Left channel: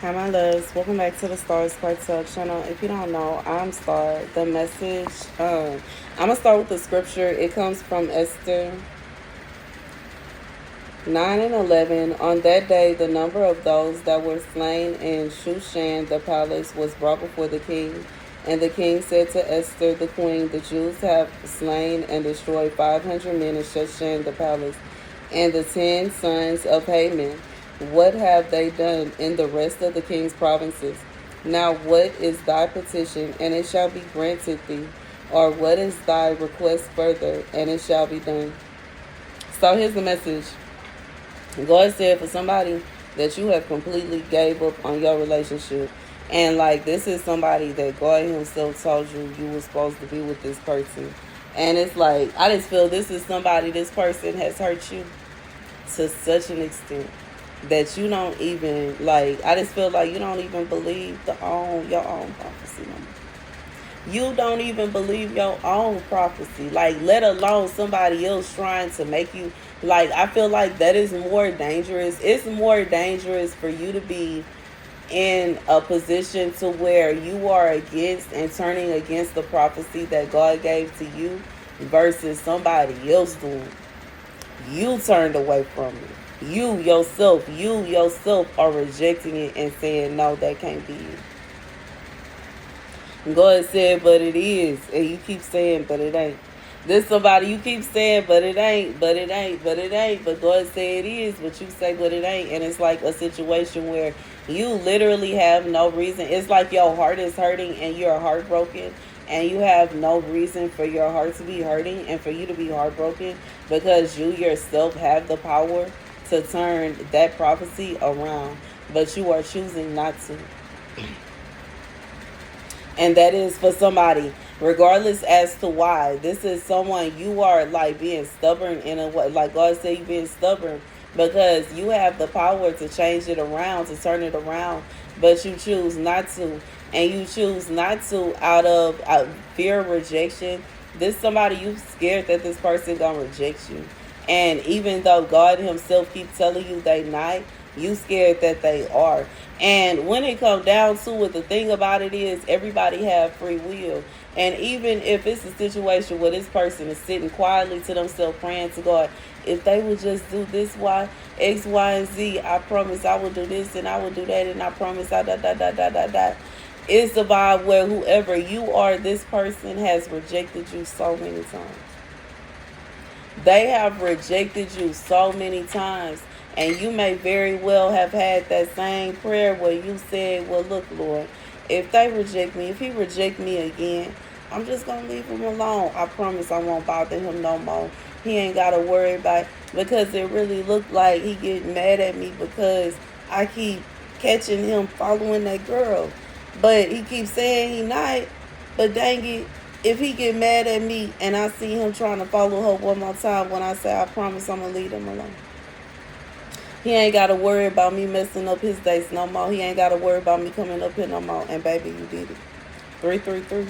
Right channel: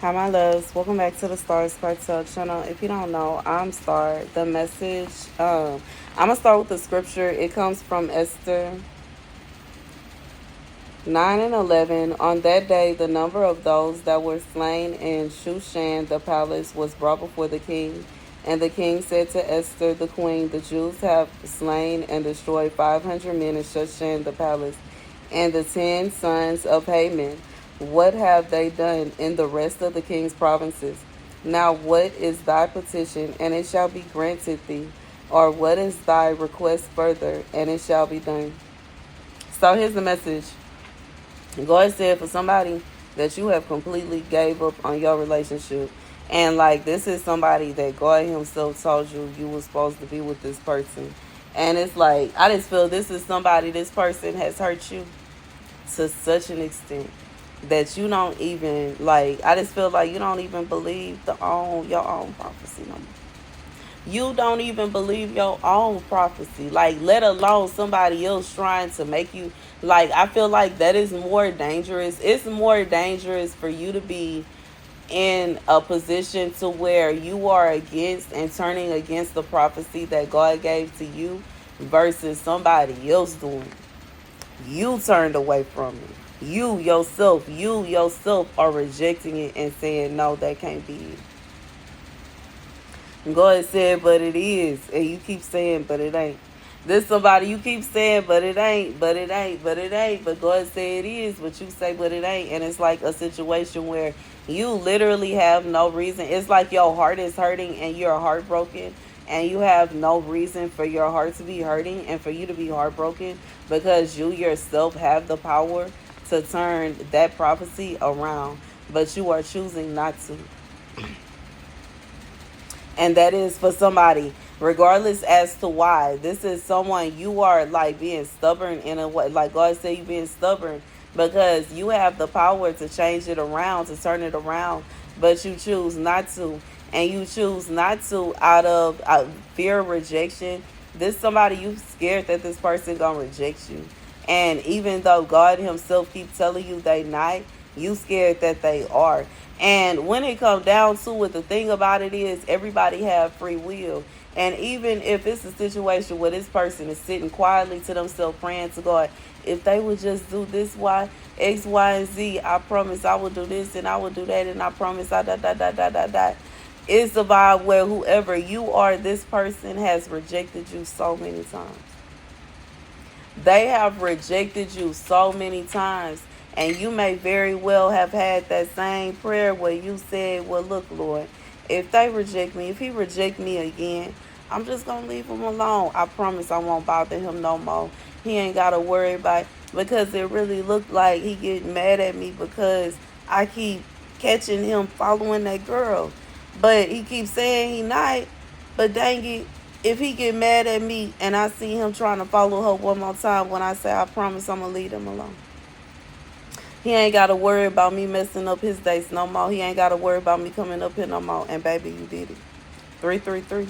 Hi, my loves. Welcome back to the Starscartel channel. If you don't know, I'm Star. The message, I'm going to start with the scripture. It comes from Esther 9 and 11. On that day, the number of those that were slain in Shushan, the palace, was brought before the king. And the king said to Esther, the queen, the Jews have slain and destroyed 500 men in Shushan, the palace, and the 10 sons of Haman. What have they done in the rest of the king's provinces? Now what is thy petition, and it shall be granted thee? Or what is thy request further, and it shall be done? So here's the message. God said for somebody that you have completely gave up on your relationship. And like this is somebody that God himself told you was supposed to be with this person. And it's like, I just feel this is somebody, this person has hurt you to such an extent that you don't even, like, I just feel like you don't even believe your own prophecy no more. You don't even believe your own prophecy, like, let alone somebody else trying to make you, like, I feel like that is more dangerous. It's more dangerous for you to be in a position to where you are against and turning against the prophecy that God gave to you versus somebody else doing. You turned away from it. You yourself are rejecting it and saying, no, that can't be it. God said, but it is. And you keep saying, but it ain't. This somebody, you keep saying, but it ain't, but it ain't, but it ain't. But God said it is, but you say, but it ain't. And it's like a situation where you literally have no reason. It's like your heart is hurting and you're heartbroken. And you have no reason for your heart to be hurting and for you to be heartbroken because you yourself have the power to turn that prophecy around. But you are choosing not to. And that is for somebody, regardless as to why. This is someone you are like being stubborn in a way. Like God said, you being stubborn because you have the power to change it around, to turn it around. But you choose not to. And you choose not to out of fear of rejection. This somebody you scared that this person gonna reject you. And even though God himself keeps telling you they not, you scared that they are. And when it comes down to it, the thing about it is everybody have free will. And even if it's a situation where this person is sitting quietly to themselves praying to God, if they would just do this, X, Y, and Z, I promise I will do this and I will do that and I promise I da. It's about where whoever you are, this person has rejected you so many times. They have rejected you so many times. And you may very well have had that same prayer where you said, well, look, Lord, if they reject me, if he reject me again, I'm just going to leave him alone. I promise I won't bother him no more. He ain't got to worry about it. Because it really looked like he getting mad at me because I keep catching him following that girl. But he keeps saying he not. But dang it, if he get mad at me and I see him trying to follow her one more time when I say I promise I'm going to leave him alone. He ain't got to worry about me messing up his dates no more. He ain't got to worry about me coming up here no more. And baby, you did it. 333.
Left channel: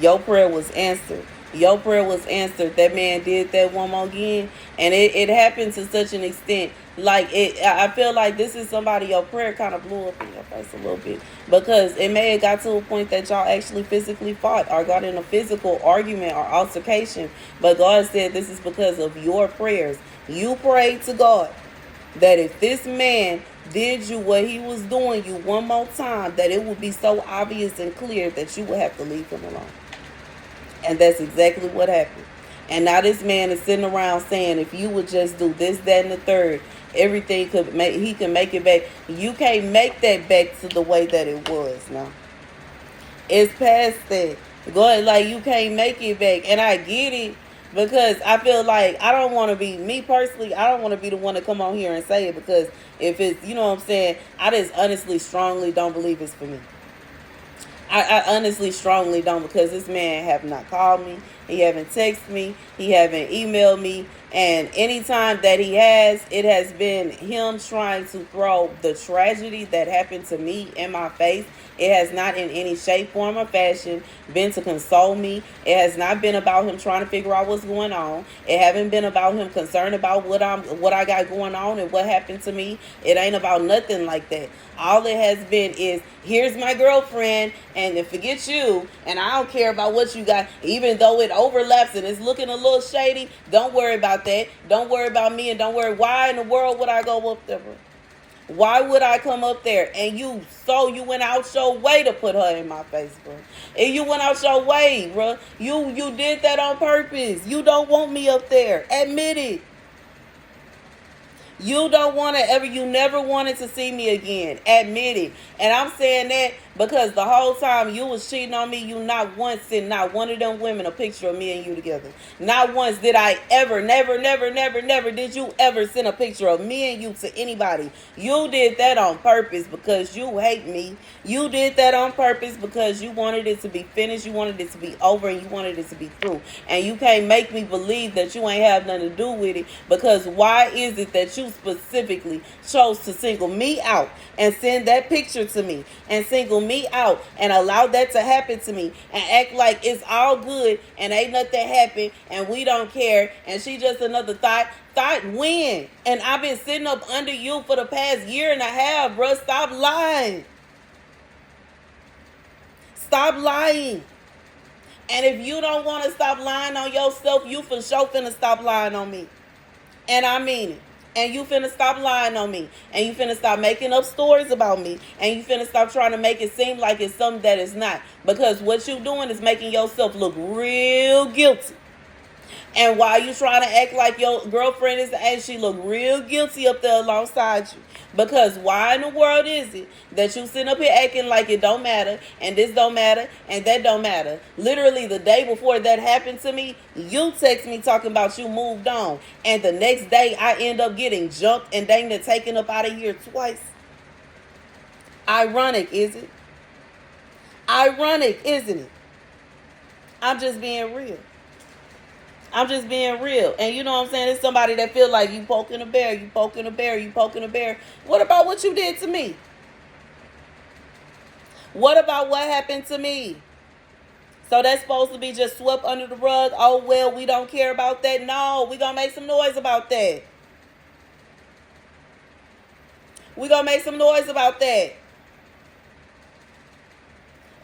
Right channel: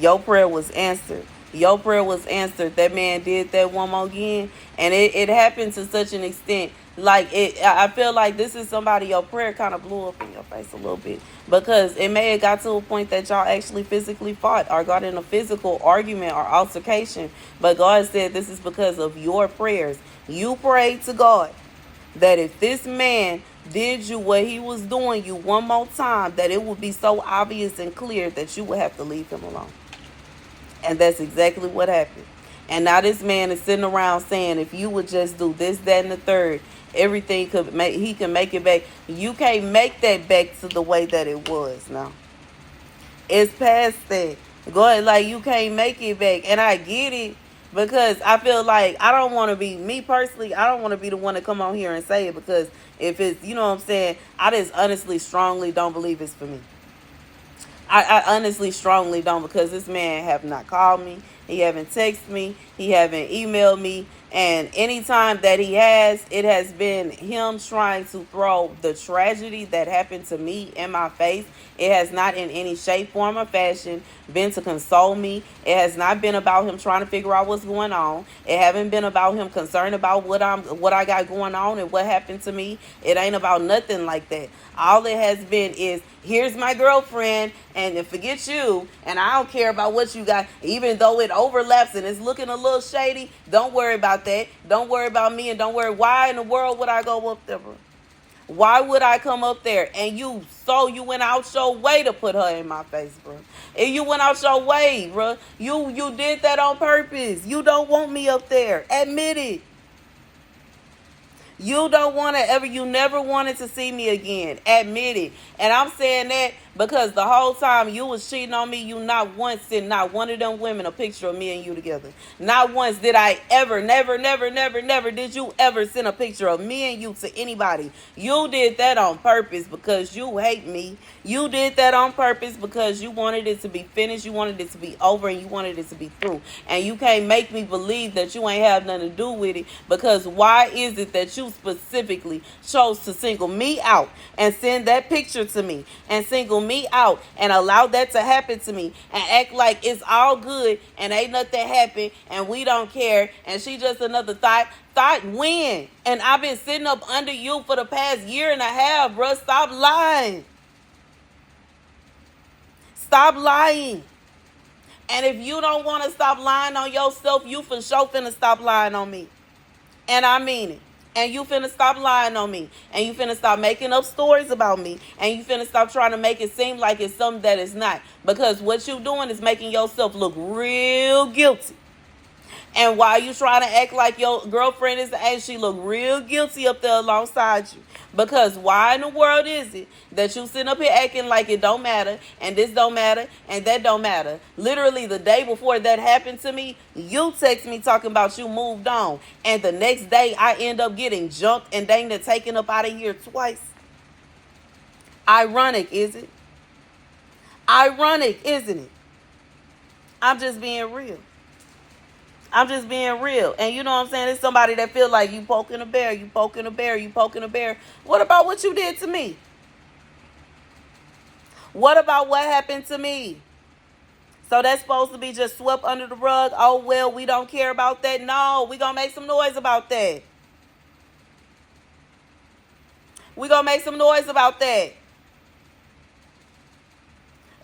Your prayer was answered. Your prayer was answered. That man did that one more again. And it happened to such an extent. Like, I feel like this is somebody, your prayer kind of blew up in your face a little bit. Because it may have got to a point that y'all actually physically fought or got in a physical argument or altercation. But God said this is because of your prayers. You prayed to God that if this man did you what he was doing you one more time, that it would be so obvious and clear that you would have to leave him alone. And that's exactly what happened. And now this man is sitting around saying, if you would just do this, that, and the third, everything he can make it back. You can't make that back to the way that it was now. It's past that. God, like, you can't make it back. And I get it. Because I feel like I don't want to be, me personally, I don't want to be the one to come on here and say it. Because if it's, you know what I'm saying, I just honestly, strongly don't believe it's for me. I honestly, strongly don't, because this man have not called me. He haven't texted me. He haven't emailed me. And anytime that he has, it has been him trying to throw the tragedy that happened to me in my face. It has not in any shape, form, or fashion been to console me. It has not been about him trying to figure out what's going on. It haven't been about him concerned about what I got going on and what happened to me. It ain't about nothing like that. All it has been is, here's my girlfriend, and forget you, and I don't care about what you got, even though it overlaps and it's looking a little shady. Don't worry about that. Don't worry about me, and don't worry. Why in the world would I go up there, bro? Why would I come up there? And you went out your way to put her in my face, bro. And you went out your way, bro. You did that on purpose. You don't want me up there. Admit it. You don't want to ever, you never wanted to see me again. Admit it. And I'm saying that because the whole time you was cheating on me, you not once sent not one of them women a picture of me and you together. Not once did I ever, never did you ever send a picture of me and you to anybody. You did that on purpose because you hate me. You did that on purpose because you wanted it to be finished. You wanted it to be over and you wanted it to be through. And you can't make me believe that you ain't have nothing to do with it, because why is it that you specifically chose to single me out and send that picture to me and single me out and allow that to happen to me and act like it's all good and ain't nothing happened and we don't care and she just another thought when? And I've been sitting up under you for the past year and a half, bro. Stop lying. Stop lying. And if you don't want to stop lying on yourself, you for sure finna stop lying on me. And I mean it. And you finna stop lying on me. And you finna stop making up stories about me. And you finna stop trying to make it seem like it's something that it's not. Because what you doing is making yourself look real guilty. And while you trying to act like your girlfriend is, and she look real guilty up there alongside you. Because why in the world is it that you sitting up here acting like it don't matter, and this don't matter, and that don't matter? Literally the day before that happened to me, you text me talking about you moved on. And the next day I end up getting jumped and dang near taken up out of here twice. Ironic, is it? Ironic, isn't it? I'm just being real. I'm just being real. And you know what I'm saying? It's somebody that feel like you poking a bear, you poking a bear, you poking a bear. What about what you did to me? What about what happened to me? So that's supposed to be just swept under the rug? Oh, well, we don't care about that. No, we gonna make some noise about that. We gonna make some noise about that.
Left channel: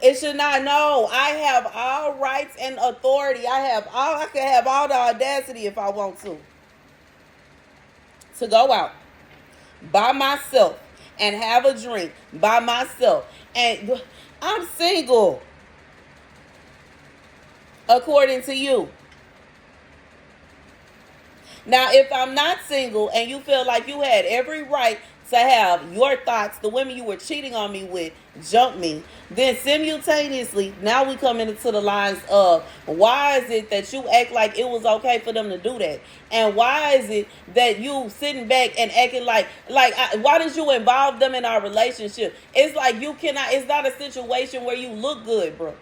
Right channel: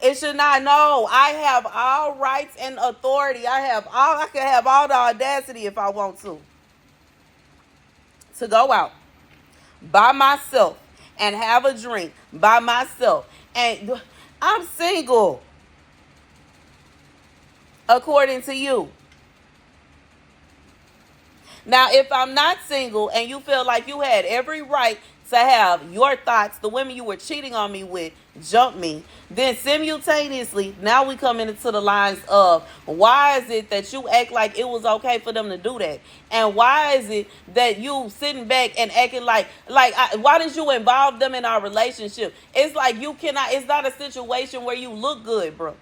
It should not. No, I have all rights and authority. I can have all the audacity if I want to go out by myself and have a drink by myself. And I'm single, according to you. Now, if I'm not single and you feel like you had every right to have your thoughts, the women you were cheating on me with, jump me, then simultaneously, now we come into the lines of, why is it that you act like it was okay for them to do that? And why is it that you sitting back and acting like why did you involve them in our relationship? It's like you cannot, it's not a situation where you look good, bro.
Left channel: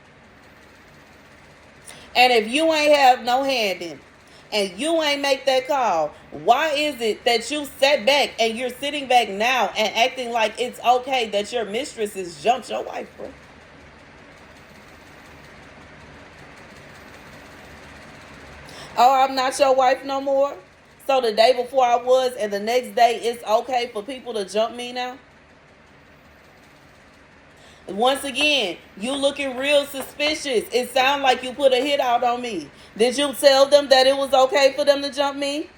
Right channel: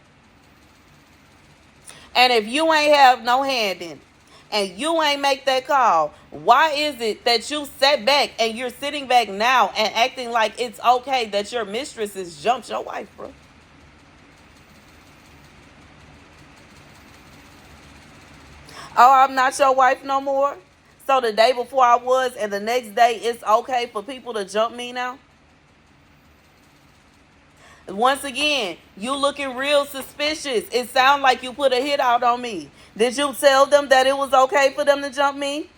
And if you ain't have no hand in it, and you ain't make that call, why is it that you sat back and you're sitting back now and acting like it's okay that your mistress has jumped your wife, bro? Oh, I'm not your wife no more? So the day before I was and the next day it's okay for people to jump me now? Once again, you looking real suspicious. It sounds like you put a hit out on me. Did you tell them that it was okay for them to jump me?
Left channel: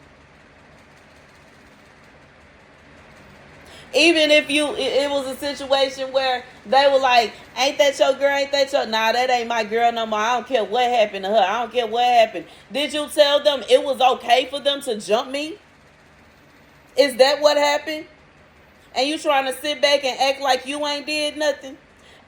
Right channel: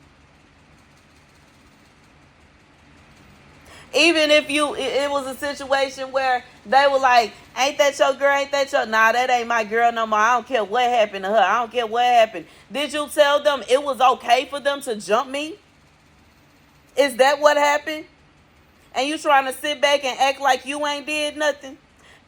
Even if it was a situation where they were like, ain't that your girl, ain't that your... Nah, that ain't my girl no more. I don't care what happened to her. I don't care what happened. Did you tell them it was okay for them to jump me? Is that what happened? And you trying to sit back and act like you ain't did nothing?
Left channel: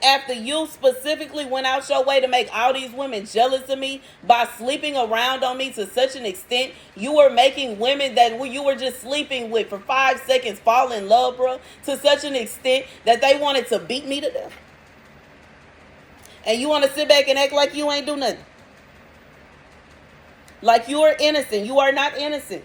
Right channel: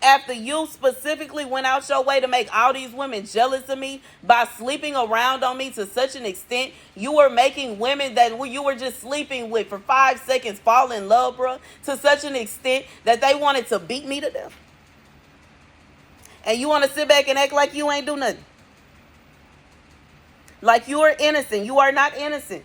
After you specifically went out your way to make all these women jealous of me by sleeping around on me to such an extent, you were making women that you were just sleeping with for 5 seconds fall in love, bro, to such an extent that they wanted to beat me to death. And you want to sit back and act like you ain't do nothing. Like you are innocent. You are not innocent.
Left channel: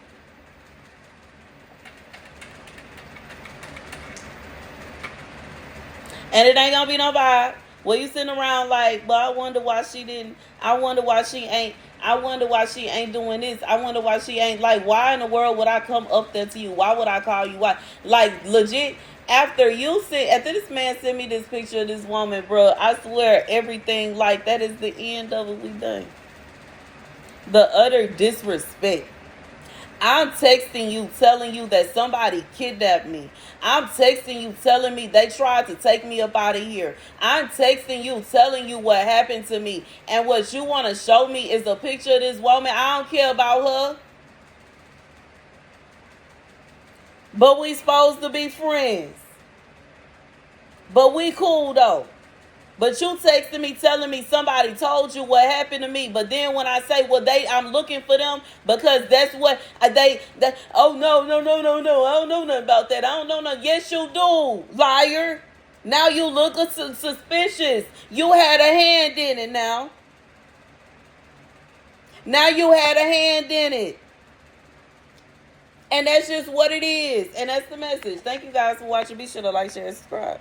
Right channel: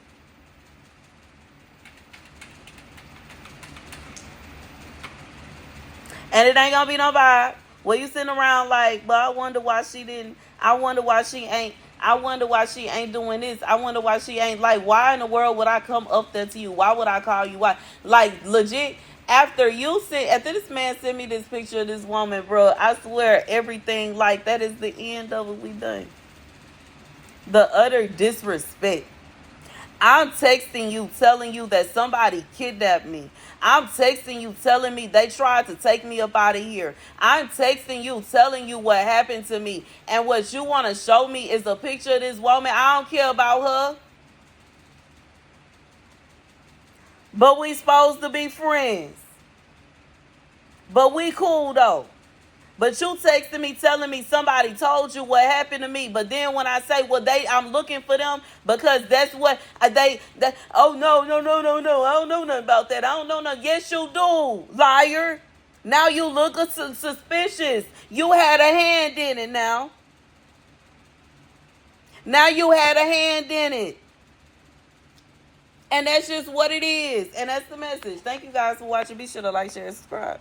And it ain't gonna be no vibe. Well, you sitting around like, but I wonder why she didn't. I wonder why she ain't. I wonder why she ain't doing this. I wonder why she ain't like. Why in the world would I come up there to you? Why would I call you? Why? Like legit. After this man sent me this picture of this woman, bro, I swear everything like that is the end of it. We done. The utter disrespect. I'm texting you telling you that somebody kidnapped me. I'm texting you telling me they tried to take me up out of here. I'm texting you telling you what happened to me. And what you want to show me is a picture of this woman. I don't care about her. But we supposed to be friends. But we cool though. But you texting me telling me somebody told you what happened to me. But then when I say, well, I'm looking for them because that's what oh, no. I don't know nothing about that. I don't know nothing. Yes, you do, liar. Now you look suspicious. You had a hand in it now. Now you had a hand in it. And that's just what it is. And that's the message. Thank you guys for watching. Be sure to like, share, and subscribe.